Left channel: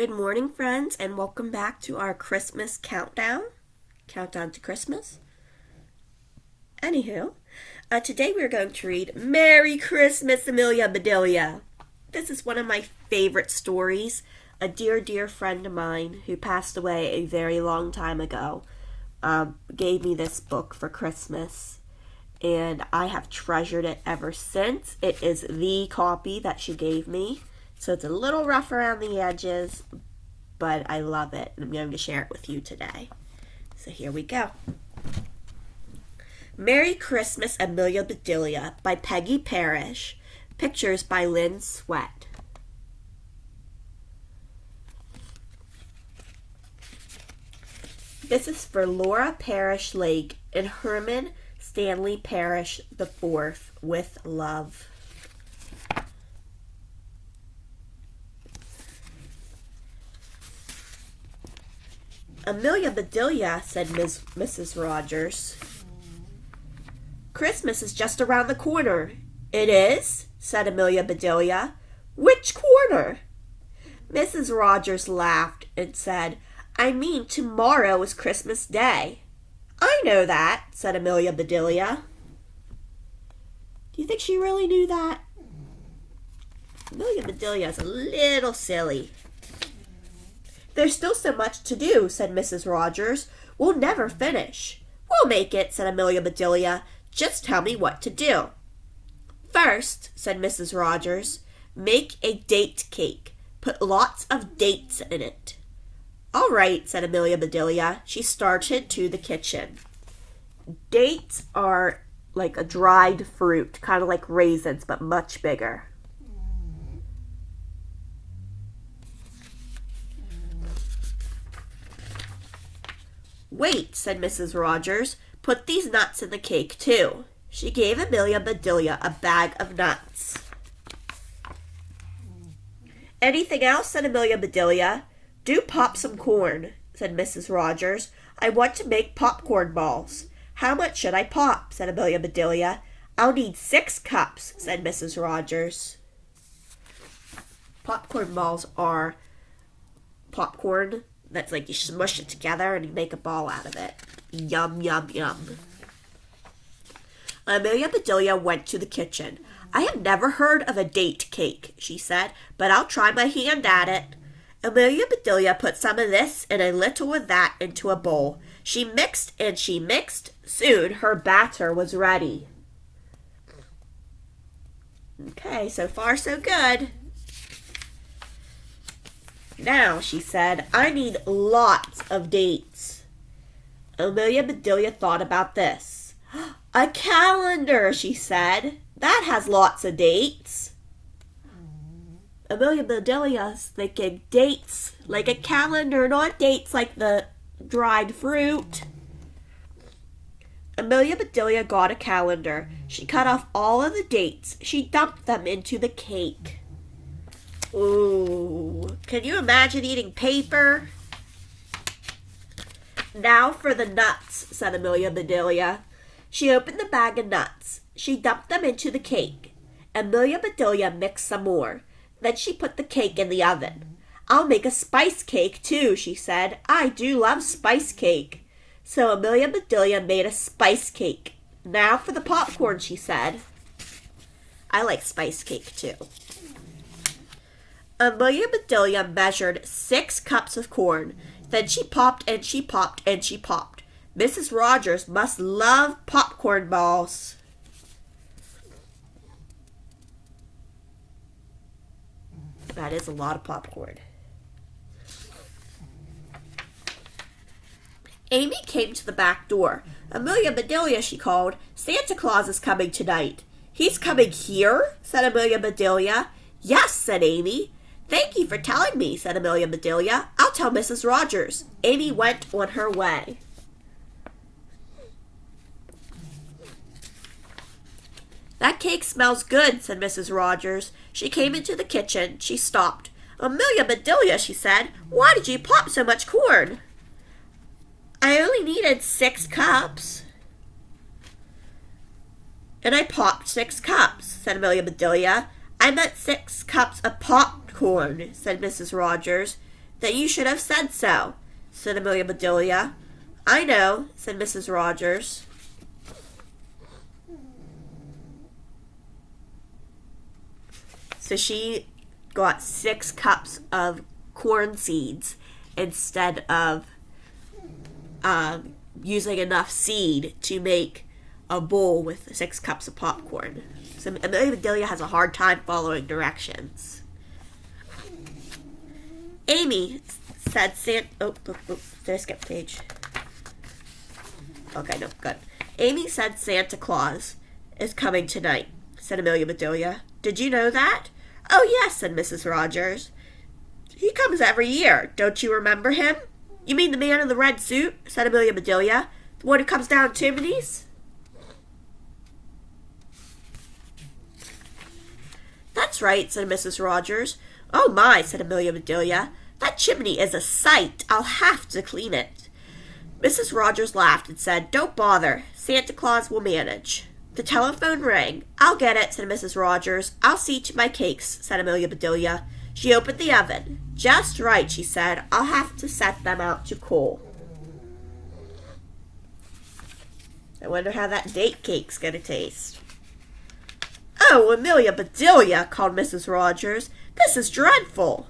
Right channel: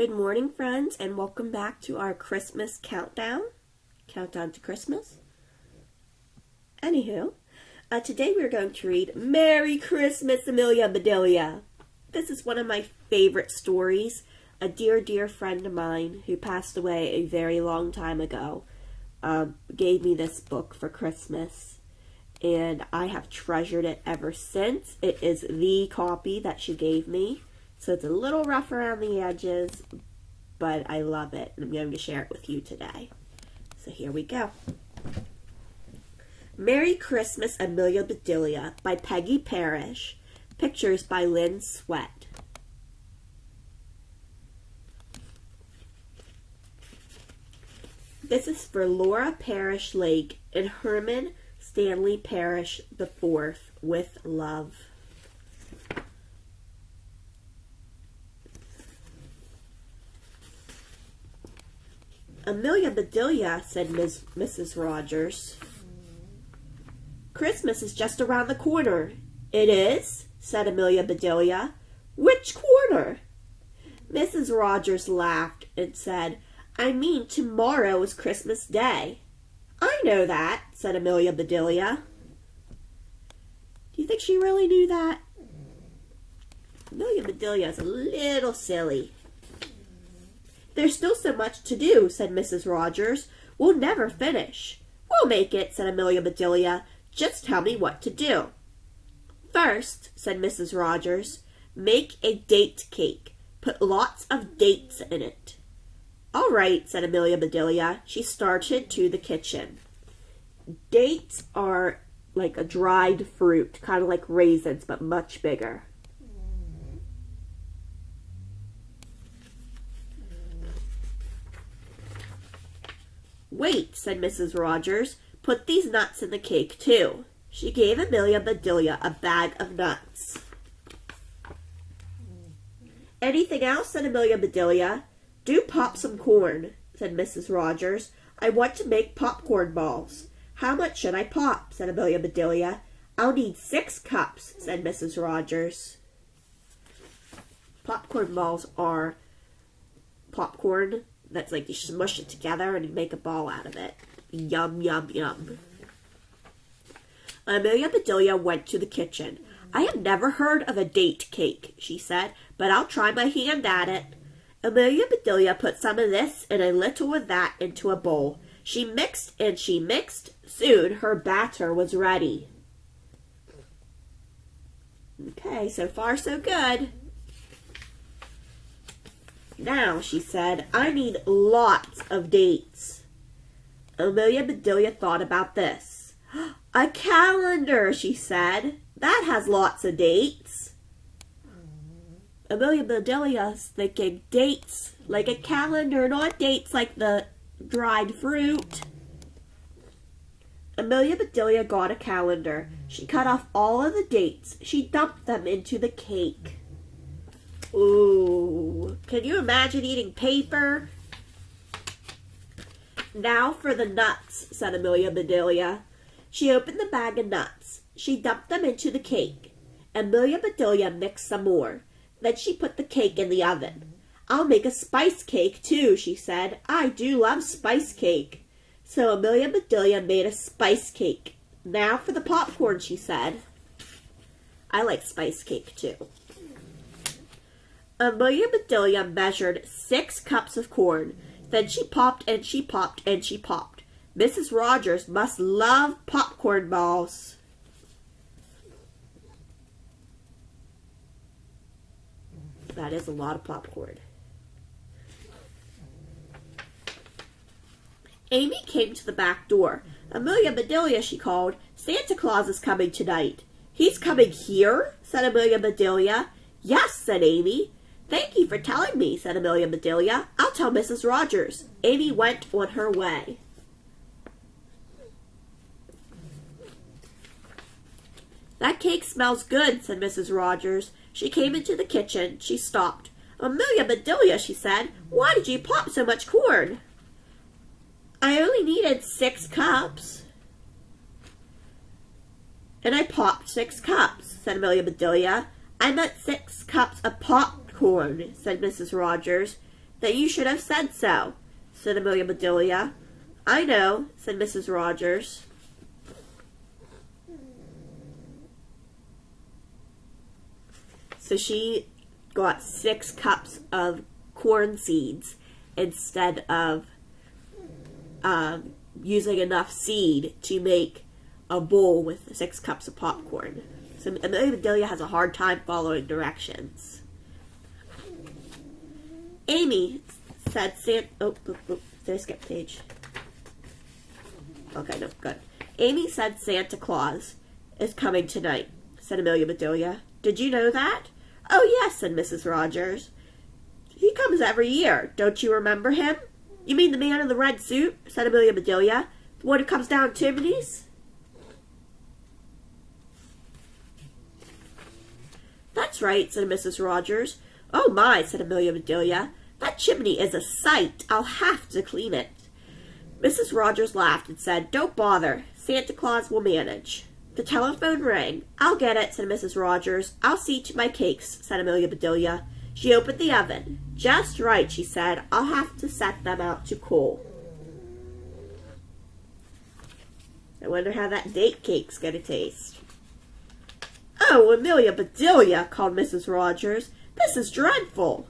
Good morning, friends, and welcome back to our Christmas countdown to Christmas. Anywho, today we're going to read Merry Christmas, Amelia, Bedelia. This is one of my favorite stories. A dear friend of mine who passed away a very long time ago gave me this book for Christmas, and I have treasured it ever since. It is the copy that she gave me. So it's a little rough around the edges, but I love it, and I'm going to share it with you today. So here we go. Merry Christmas, Amelia, Bedelia by Peggy Parrish. Pictures by Lynn Sweat. This is for Laura Parrish Lake and Herman Stanley Parrish IV with love. Amelia, Bedelia, said Mrs. Rogers. Christmas is just around the corner. It is, said Amelia, Bedelia. Which corner? Mrs. Rogers laughed and said, I mean, tomorrow is Christmas Day. I know that, said Amelia, Bedelia. Do you think she really knew that? Amelia, Bedelia is a little silly. There's still so much to do, said Mrs. Rogers. We'll never finish. We'll make it, said Amelia, Bedelia. Just tell me what to do. First, said Mrs. Rogers, make a date cake. Put lots of dates in it. All right, said Amelia, Bedelia. She started to the kitchen. Dates are like a dried fruit, kind of like raisins, but much bigger. Wait, said Mrs. Rogers. Put these nuts in the cake, too. She gave Amelia, Bedelia a bag of nuts. Anything else, said Amelia, Bedelia. Do pop some corn, said Mrs. Rogers. I want to make popcorn balls. How much should I pop, said Amelia, Bedelia. I'll need 6 cups, said Mrs. Rogers. Popcorn balls are popcorn that's like you smush it together and you make a ball out of it. Yum, yum, yum. Amelia, Bedelia went to the kitchen. I have never heard of a date cake, she said, but I'll try my hand at it. Amelia, Bedelia put some of this and a little of that into a bowl. She mixed and she mixed. Soon her batter was ready. Okay, so far so good. Now, she said, I need lots of dates. Amelia, Bedelia thought about this. A calendar, she said. That has lots of dates. Amelia, Bedelia's thinking dates like a calendar, not dates like the dried fruit. Amelia, Bedelia got a calendar. She cut off all of the dates. She dumped them into the cake. Ooh, can you imagine eating paper? Now for the nuts, said Amelia, Bedelia. She opened the bag of nuts. She dumped them into the cake. Amelia, Bedelia mixed some more. Then she put the cake in the oven. I'll make a spice cake too, she said. I do love spice cake. So Amelia, Bedelia made a spice cake. Now for the popcorn, she said. I like spice cake too. Amelia, Bedelia measured 6 cups of corn. Then she popped and she popped and she popped. Mrs. Rogers must love popcorn balls. That is a lot of popcorn. Amy came to the back door. Amelia, Bedelia, she called. Santa Claus is coming tonight. He's coming here, said Amelia, Bedelia. Yes, said Amy. Thank you for telling me, said Amelia, Bedelia. I'll tell Mrs. Rogers. Amy went on her way. That cake smells good, said Mrs. Rogers. She came into the kitchen. She stopped. Amelia, Bedelia, she said, why did you pop so much corn? I only needed 6 cups. And I popped 6 cups, said Amelia, Bedelia. I meant 6 cups of popcorn, said Mrs. Rogers. "Then you should have said so," said Amelia Bedelia. "I know," said Mrs. Rogers. So she got 6 cups of corn seeds instead of using enough seed to make a bowl with 6 cups of popcorn. So Amelia Bedelia has a hard time following directions. Amy said did I skip page? Okay, no, good. Amy said Santa Claus is coming tonight, said Amelia Bedelia. "Did you know that?" "Oh, yes," said Mrs. Rogers. "He comes every year. Don't you remember him?" "You mean the man in the red suit?" said Amelia Bedelia. "The one who comes down chimneys?" "That's right," said Mrs. Rogers. "Oh, my," said Amelia Bedelia. "That chimney is a sight. I'll have to clean it." Mrs. Rogers laughed and said, "Don't bother. Santa Claus will manage." The telephone rang. "I'll get it," said Mrs. Rogers. "I'll see to my cakes," said Amelia Bedelia. She opened the oven. "Just right," she said. "I'll have to set them out to cool." I wonder how that date cake's going to taste. "Oh, Amelia Bedelia," called Mrs. Rogers. "This is dreadful."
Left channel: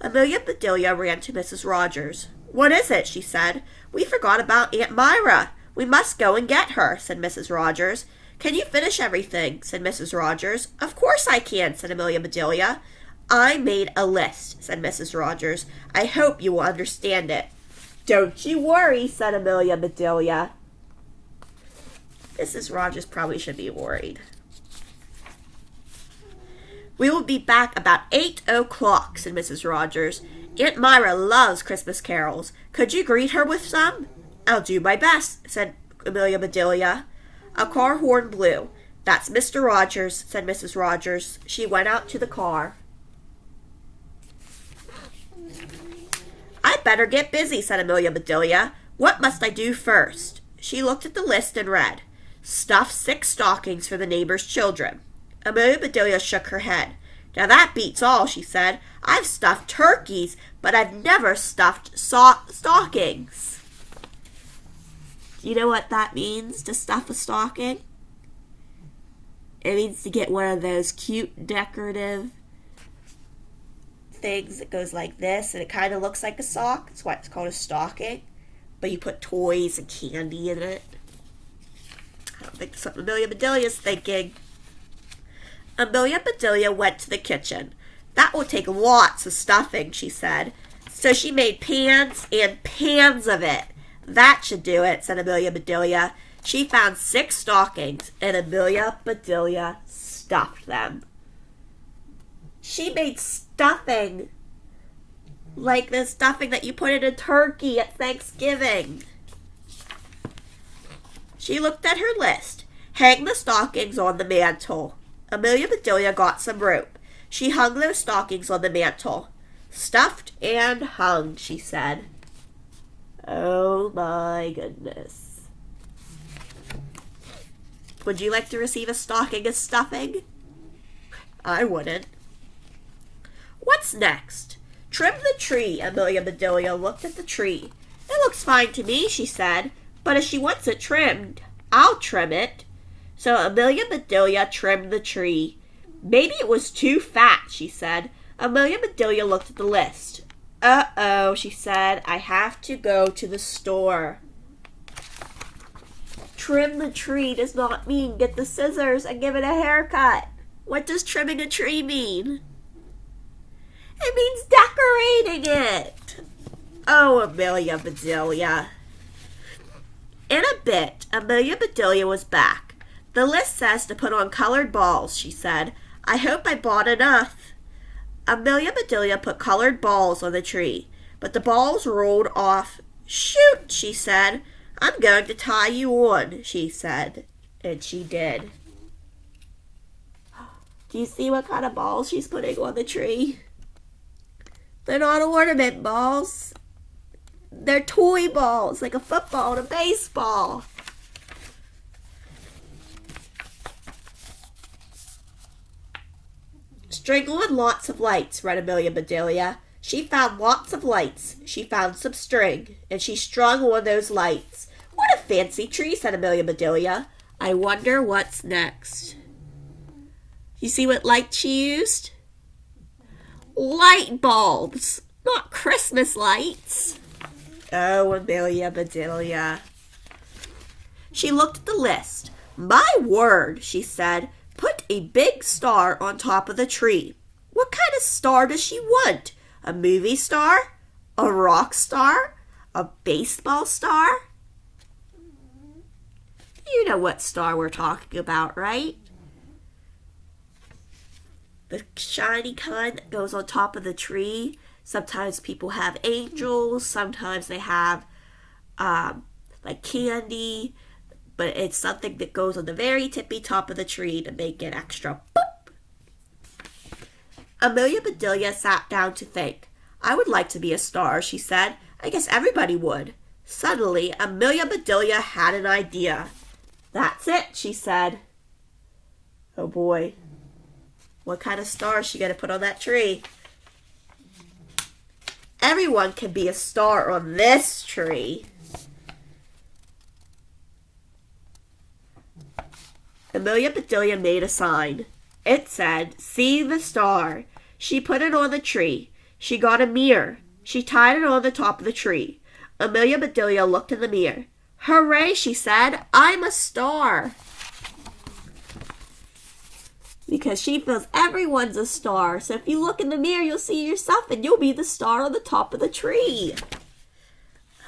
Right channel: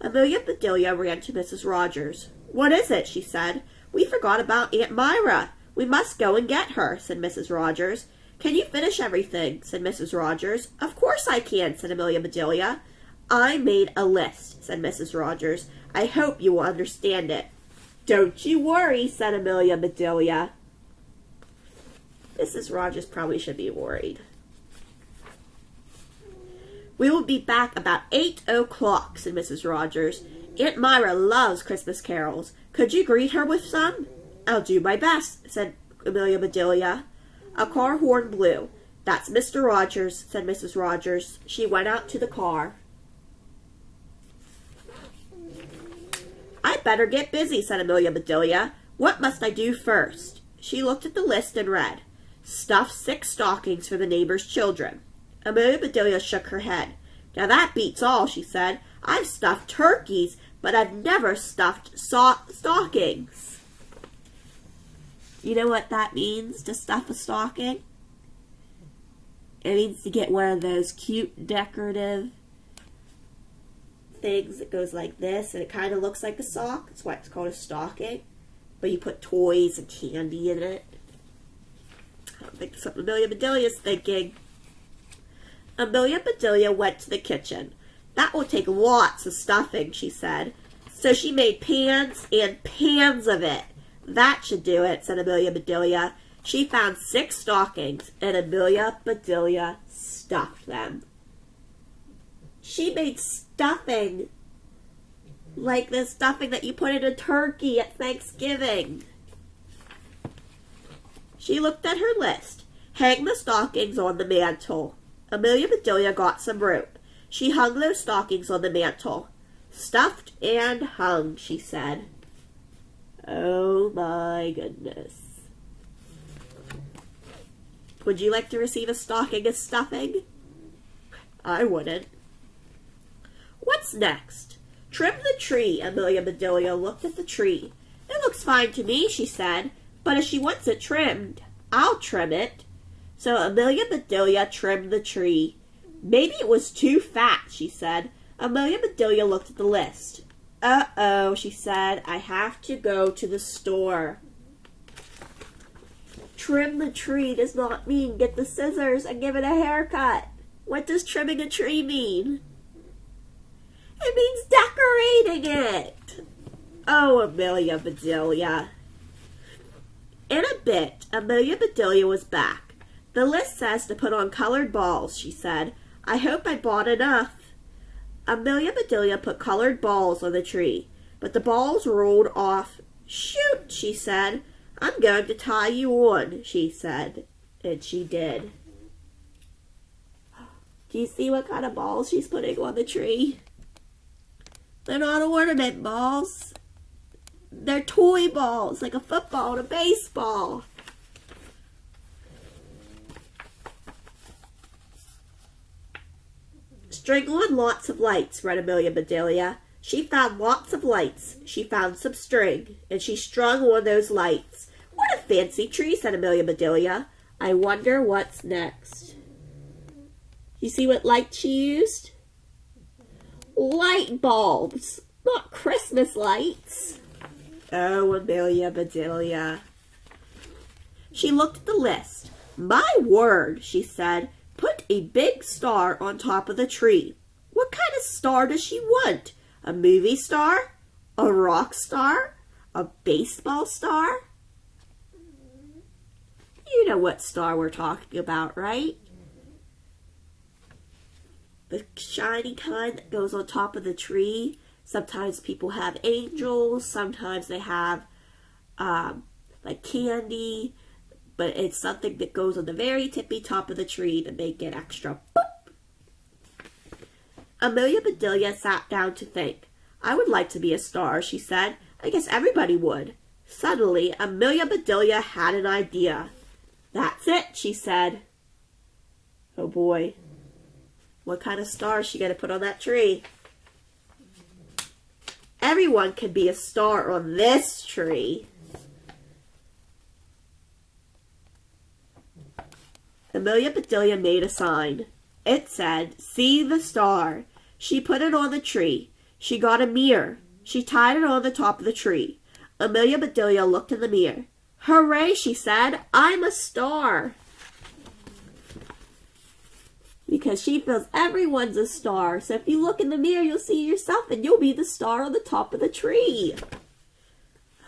Amelia Bedelia ran to Mrs. Rogers. "What is it?" she said. "We forgot about Aunt Myra. We must go and get her," said Mrs. Rogers. "Can you finish everything?" said Mrs. Rogers. "Of course I can," said Amelia Bedelia. "I made a list," said Mrs. Rogers. "I hope you will understand it." "Don't you worry," said Amelia Bedelia. Mrs. Rogers probably should be worried. "We will be back about 8:00, said Mrs. Rogers. "Aunt Myra loves Christmas carols. Could you greet her with some?" "I'll do my best," said Amelia Bedelia. A car horn blew. "That's Mr. Rogers," said Mrs. Rogers. She went out to the car. "I'd better get busy," said Amelia Bedelia. "What must I do first?" She looked at the list and read, "Stuff 6 stockings for the neighbors' children." Amelia Bedelia shook her head. "Now that beats all," she said. "I've stuffed turkeys, but I've never stuffed stockings." You know what that means, to stuff a stocking? It means to get one of those cute decorative things that goes like this, and it kind of looks like a sock. That's why it's called a stocking. But you put toys and candy in it. I don't think that's what Amelia Bedelia is thinking. Amelia Bedelia went to the kitchen. "That will take lots of stuffing," she said. So she made pans and pans of it. "That should do it," said Amelia Bedelia. She found 6 stockings, and Amelia Bedelia stuffed them. She made stuffing like the stuffing that you put in a turkey at Thanksgiving. She looked at her list. "Hang the stockings on the mantle." Amelia Bedelia got some rope. She hung those stockings on the mantle. "Stuffed and hung," she said. Oh my goodness. Would you like to receive a stocking of stuffing? I wouldn't. "What's next?" "Trim the tree." Amelia Bedelia looked at the tree. "It looks fine to me," she said, "but if she wants it trimmed, I'll trim it." So Amelia Bedelia trimmed the tree. Maybe it was too fat, she said. Amelia Bedelia looked at the list. "Uh-oh," she said, "I have to go to the store." Trim the tree does not mean get the scissors and give it a haircut. What does trimming a tree mean? It means decorating it. Oh, Amelia Bedelia. In a bit, Amelia Bedelia was back. "The list says to put on colored balls," she said. "I hope I bought enough." Amelia Bedelia put colored balls on the tree, but the balls rolled off. "Shoot," she said. "I'm going to tie you on," she said. And she did. Do you see what kind of balls she's putting on the tree? They're not ornament balls. They're toy balls, like a football and a baseball. "String on lots of lights," read Amelia Bedelia. She found lots of lights. She found some string, and she strung on those lights. What a fancy tree, said Amelia Bedelia. I wonder what's next. You see what light she used? Light bulbs, not Christmas lights. Oh, Amelia Bedelia. She looked at the list. My word, she said, put a big star on top of the tree. What kind of star does she want? A movie star? A rock star? A baseball star? You know what star we're talking about, right? The shiny kind that goes on top of the tree. Sometimes people have angels. Sometimes they have like candy. But it's something that goes on the very tippy top of the tree to make it extra boop. Amelia Bedelia sat down to think. I would like to be a star, she said. I guess everybody would. Suddenly, Amelia Bedelia had an idea. That's it, she said. Oh boy. What kind of star is she going to put on that tree? Everyone can be a star on this tree. Amelia Bedelia made a sign. It said, see the star. She put it on the tree. She got a mirror. She tied it on the top of the tree. Amelia Bedelia looked in the mirror. Hooray, she said. I'm a star. Because she feels everyone's a star. So if you look in the mirror, you'll see yourself and you'll be the star on the top of the tree.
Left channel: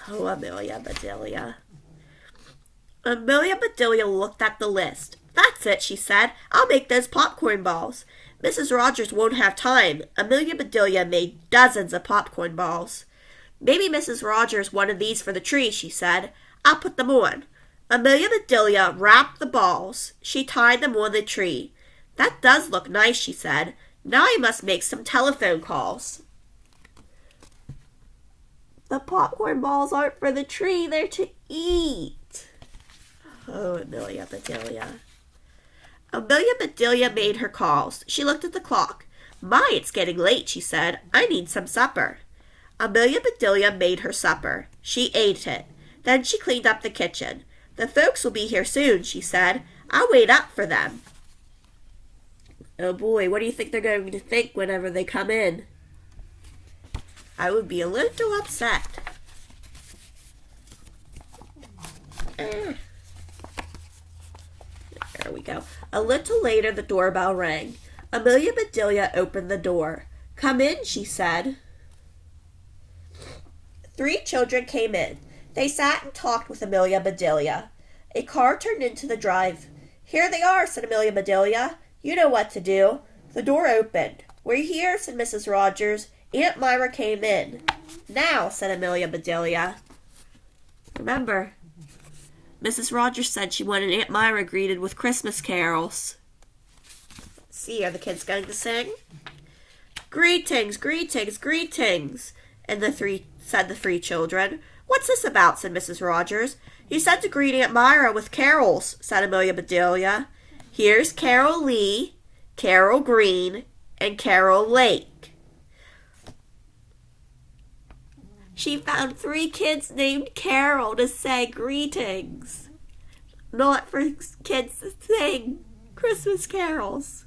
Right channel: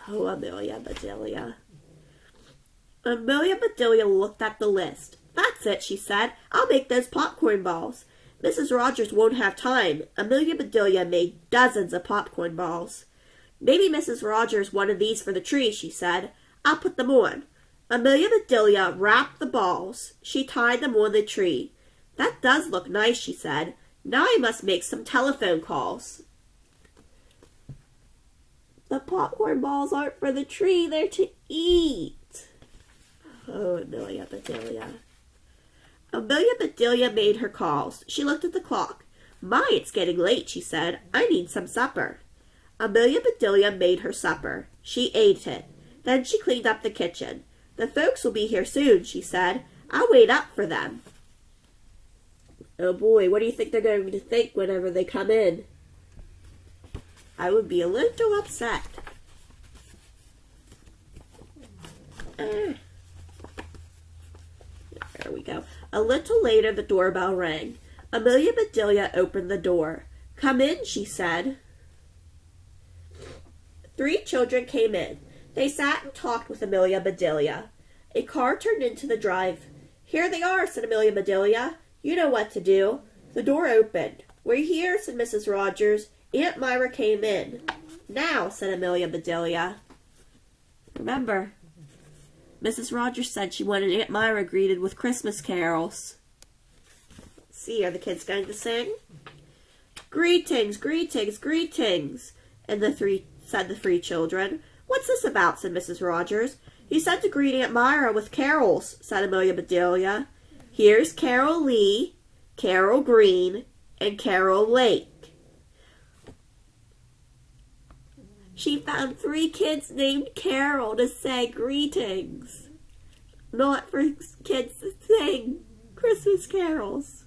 Oh, Amelia Bedelia. Amelia Bedelia looked at the list. That's it, she said. I'll make those popcorn balls. Mrs. Rogers won't have time. Amelia Bedelia made dozens of popcorn balls. Maybe Mrs. Rogers wanted these for the tree, she said. I'll put them on. Amelia Bedelia wrapped the balls. She tied them on the tree. That does look nice, she said. Now I must make some telephone calls. The popcorn balls aren't for the tree. They're to eat. Oh, Amelia Bedelia. Amelia Bedelia made her calls. She looked at the clock. My, it's getting late, she said. I need some supper. Amelia Bedelia made her supper. She ate it. Then she cleaned up the kitchen. The folks will be here soon, she said. I'll wait up for them. Oh boy, what do you think they're going to think whenever they come in? I would be a little upset. There we go. A little later, the doorbell rang. Amelia Bedelia opened the door. Come in, she said. 3 children came in. They sat and talked with Amelia Bedelia. A car turned into the drive. Here they are, said Amelia Bedelia. You know what to do. The door opened. We're here, said Mrs. Rogers. Aunt Myra came in. Now, said Amelia Bedelia. Remember, Mrs. Rogers said she wanted Aunt Myra greeted with Christmas carols. Let's see, are the kids going to sing? Greetings, greetings, greetings, and the 3 children. What's this about, said Mrs. Rogers. You said to greet Aunt Myra with carols, said Amelia Bedelia. Here's Carol Lee, Carol Green, and Carol Lake. She found 3 kids named Carol to say greetings, not for kids to sing Christmas carols.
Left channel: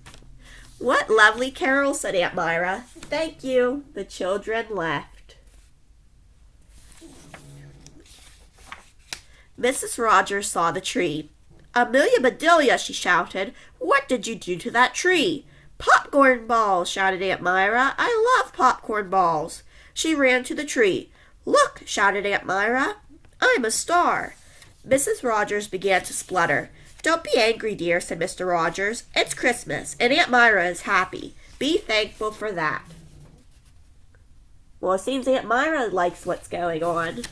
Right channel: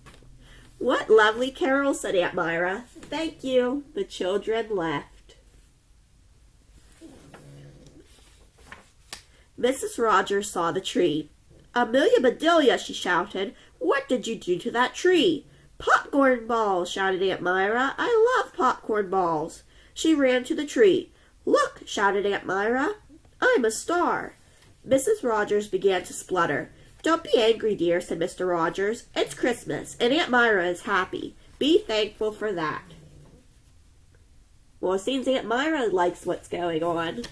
What lovely carols, said Aunt Myra. Thank you. The children left. Mrs. Rogers saw the tree. Amelia Bedelia, she shouted. What did you do to that tree? Popcorn balls, shouted Aunt Myra. I love popcorn balls. She ran to the tree. Look, shouted Aunt Myra. I'm a star. Mrs. Rogers began to splutter. Don't be angry, dear, said Mr. Rogers. It's Christmas, and Aunt Myra is happy. Be thankful for that. Well, it seems Aunt Myra likes what's going on.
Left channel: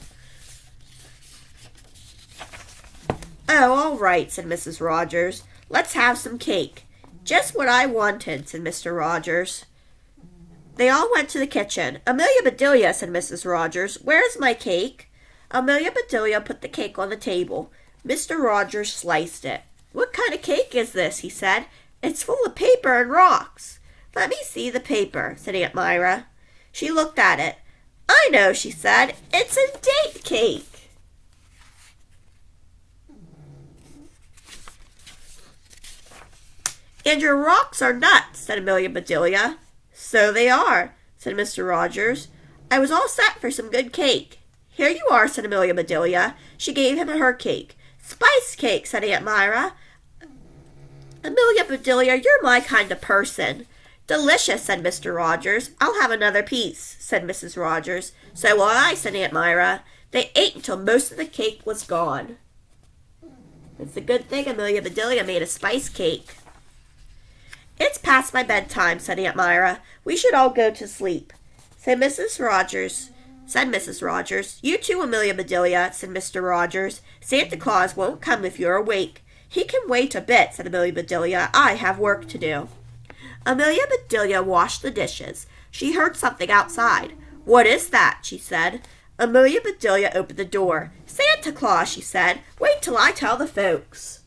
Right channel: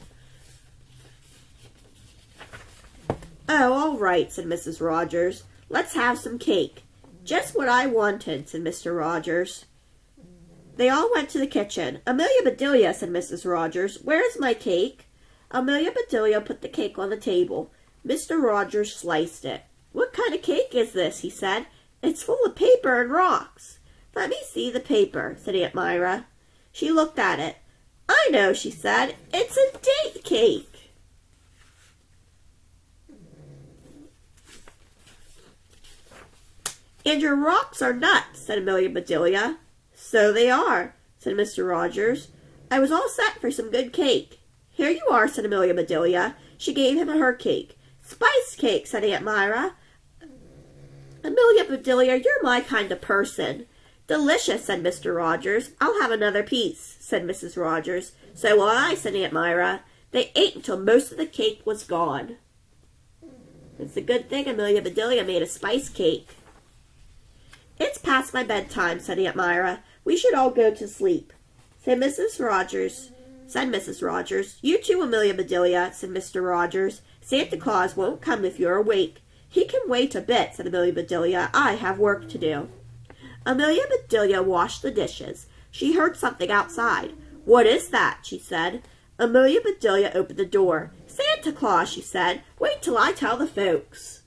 Oh, all right, said Mrs. Rogers. Let's have some cake. Just what I wanted, said Mr. Rogers. They all went to the kitchen. Amelia Bedelia, said Mrs. Rogers, where's my cake? Amelia Bedelia put the cake on the table. Mr. Rogers sliced it. What kind of cake is this? He said. It's full of paper and rocks. Let me see the paper, said Aunt Myra. She looked at it. I know, she said. It's a date cake. And your rocks are nuts, said Amelia Bedelia. So they are, said Mr. Rogers. I was all set for some good cake. Here you are, said Amelia Bedelia. She gave him her cake. Spice cake, said Aunt Myra. Amelia Bedelia, you're my kind of person. Delicious, said Mr. Rogers. I'll have another piece, said Mrs. Rogers. So will I, said Aunt Myra. They ate until most of the cake was gone. It's a good thing Amelia Bedelia made a spice cake. It's past my bedtime, said Aunt Myra. We should all go to sleep, said Mrs. Rogers. You too, Amelia Bedelia, said Mr. Rogers. Santa Claus won't come if you're awake. He can wait a bit, said Amelia Bedelia. I have work to do. Amelia Bedelia washed the dishes. She heard something outside. What is that? She said. Amelia Bedelia opened the door. Santa Claus, she said. Wait till I tell the folks.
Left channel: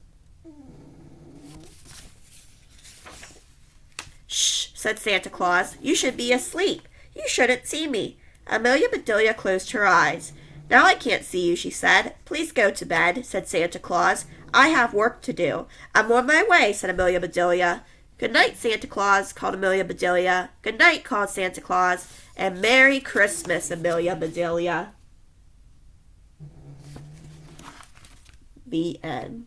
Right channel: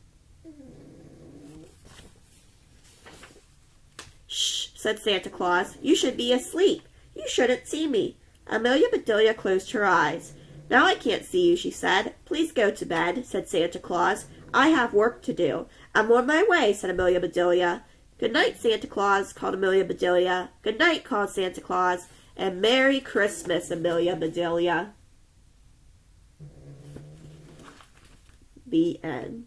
Shh, said Santa Claus. You should be asleep. You shouldn't see me. Amelia Bedelia closed her eyes. Now I can't see you, she said. Please go to bed, said Santa Claus. I have work to do. I'm on my way, said Amelia Bedelia. Good night, Santa Claus, called Amelia Bedelia. Good night, called Santa Claus. And Merry Christmas, Amelia Bedelia. The end.